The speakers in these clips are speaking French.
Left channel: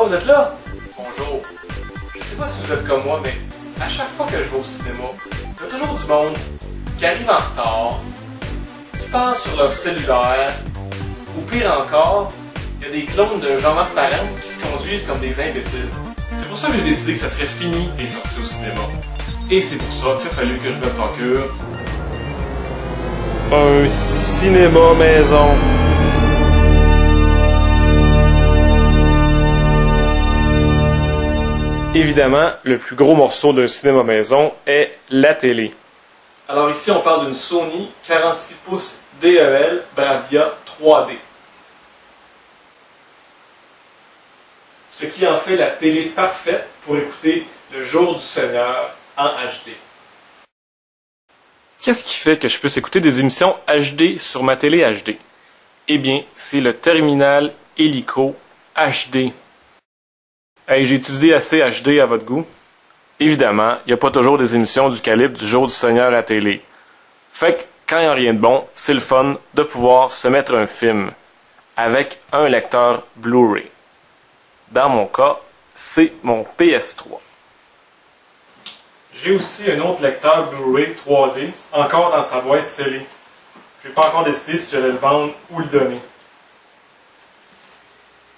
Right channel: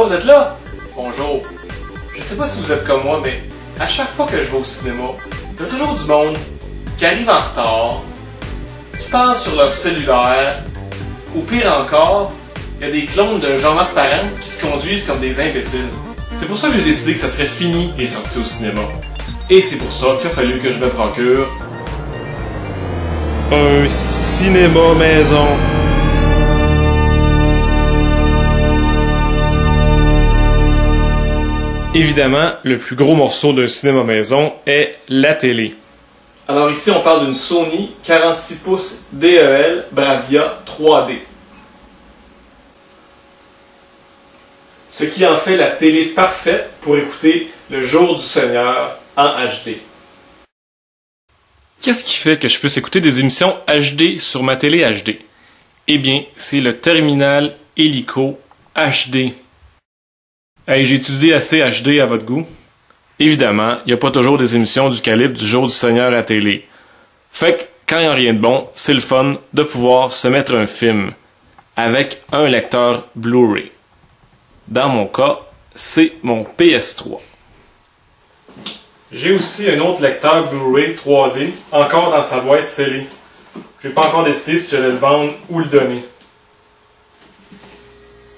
Oh, vous êtes là? Bonjour. Je sais pas si vous êtes comme moi, mais à chaque fois que je vais au cinéma, il y a toujours du monde qui arrive en retard, qui passe sur leur cellulaire, ou pire encore, il y a des clones de Jean-Marc Parent qui se conduisent comme des imbéciles. C'est pour ça que j'ai décidé que ça serait fini les sorties au cinéma. Et c'est pour ça qu'il a fallu que je me procure un cinéma maison. Évidemment, le plus gros morceau d'un cinéma maison est la télé. Alors ici, on parle d'une Sony 46 pouces DEL Bravia 3D. Ce qui en fait la télé parfaite pour écouter Le Jour du Seigneur en HD. Qu'est-ce qui fait que je puisse écouter des émissions HD sur ma télé HD? Eh bien, c'est le terminal Helico HD. Hey, j'ai étudié assez HD à votre goût. Évidemment, il n'y a pas toujours des émissions du calibre du Jour du Seigneur à la télé. Fait que, quand il n'y a rien de bon, c'est le fun de pouvoir se mettre un film avec un lecteur Blu-ray. Dans mon cas, c'est mon PS3. J'ai aussi un autre lecteur Blu-ray 3D, encore dans sa boîte scellée. J'ai pas encore décidé si j'allais le vendre ou le donner.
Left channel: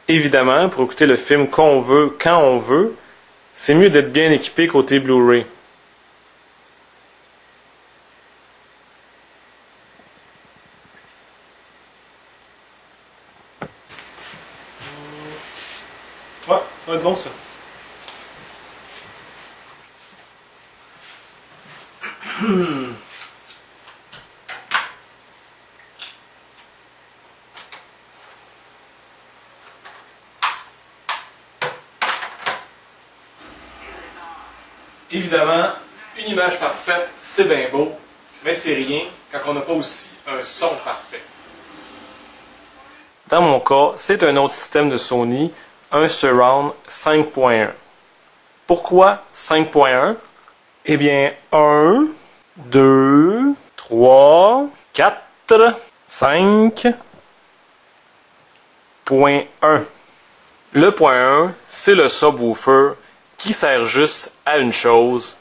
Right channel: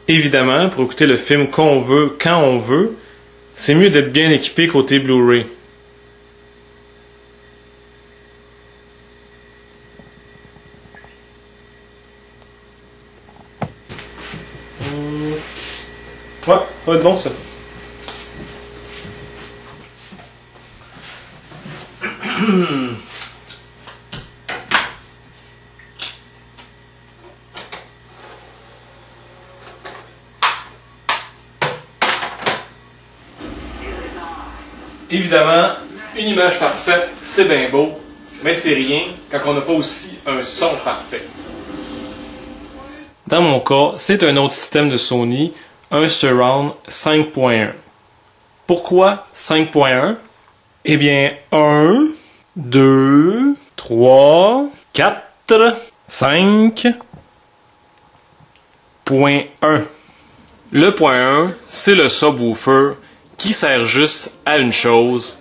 Évidemment, pour écouter le film qu'on veut, quand on veut, c'est mieux d'être bien équipé côté Blu-ray. Ouais, ça va être bon ça. Évidemment, une image parfaite, c'est bien beau, mais c'est rien quand on n'a pas aussi un son parfait. Dans mon cas, c'est un autre système de Sony, un Surround 5.1. Pourquoi 5.1? Eh bien, 1, 2, 3, 4, 5.1. Le point 1, c'est le subwoofer qui sert juste à une chose,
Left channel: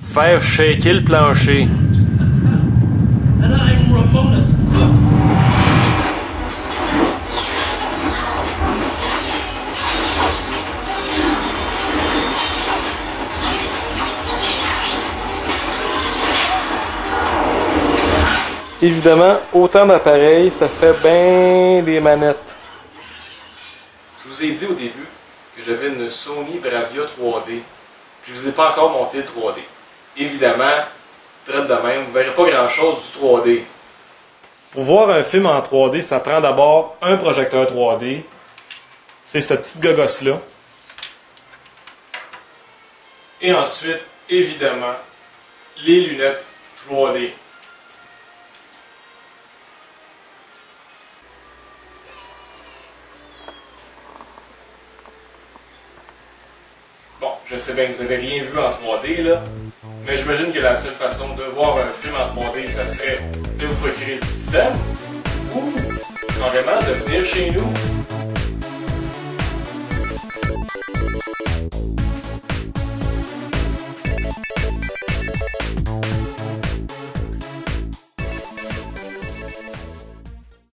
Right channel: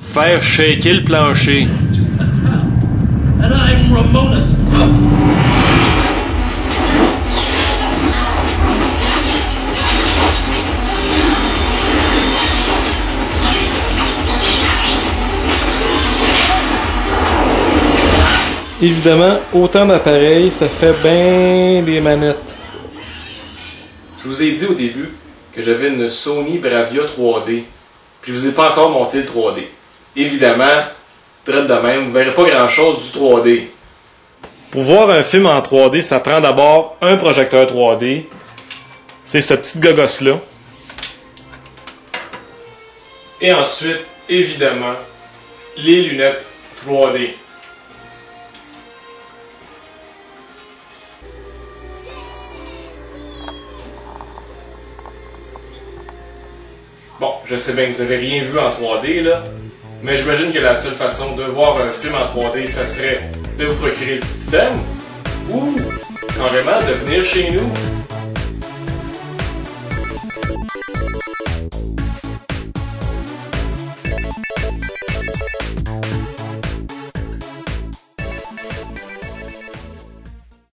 faire shaker le plancher. And I'm Ramona's. Évidemment, autant d'appareils, ça fait bien des manettes. Je vous ai dit au début que j'avais une Sony Bravia 3D, puis je vous ai pas encore monté le 3D. Évidemment, traite de même, vous verrez pas grand chose du 3D. Pour voir un film en 3D, ça prend d'abord un projecteur 3D. C'est ce petit gogosse-là. Et ensuite, évidemment, les lunettes 3D. Bon, je sais bien que vous n'avez rien vu en 3D, là, mais j'imagine que la seule façon de voir un film en 3D, ça serait de vous procurer le système, ou carrément de venir chez nous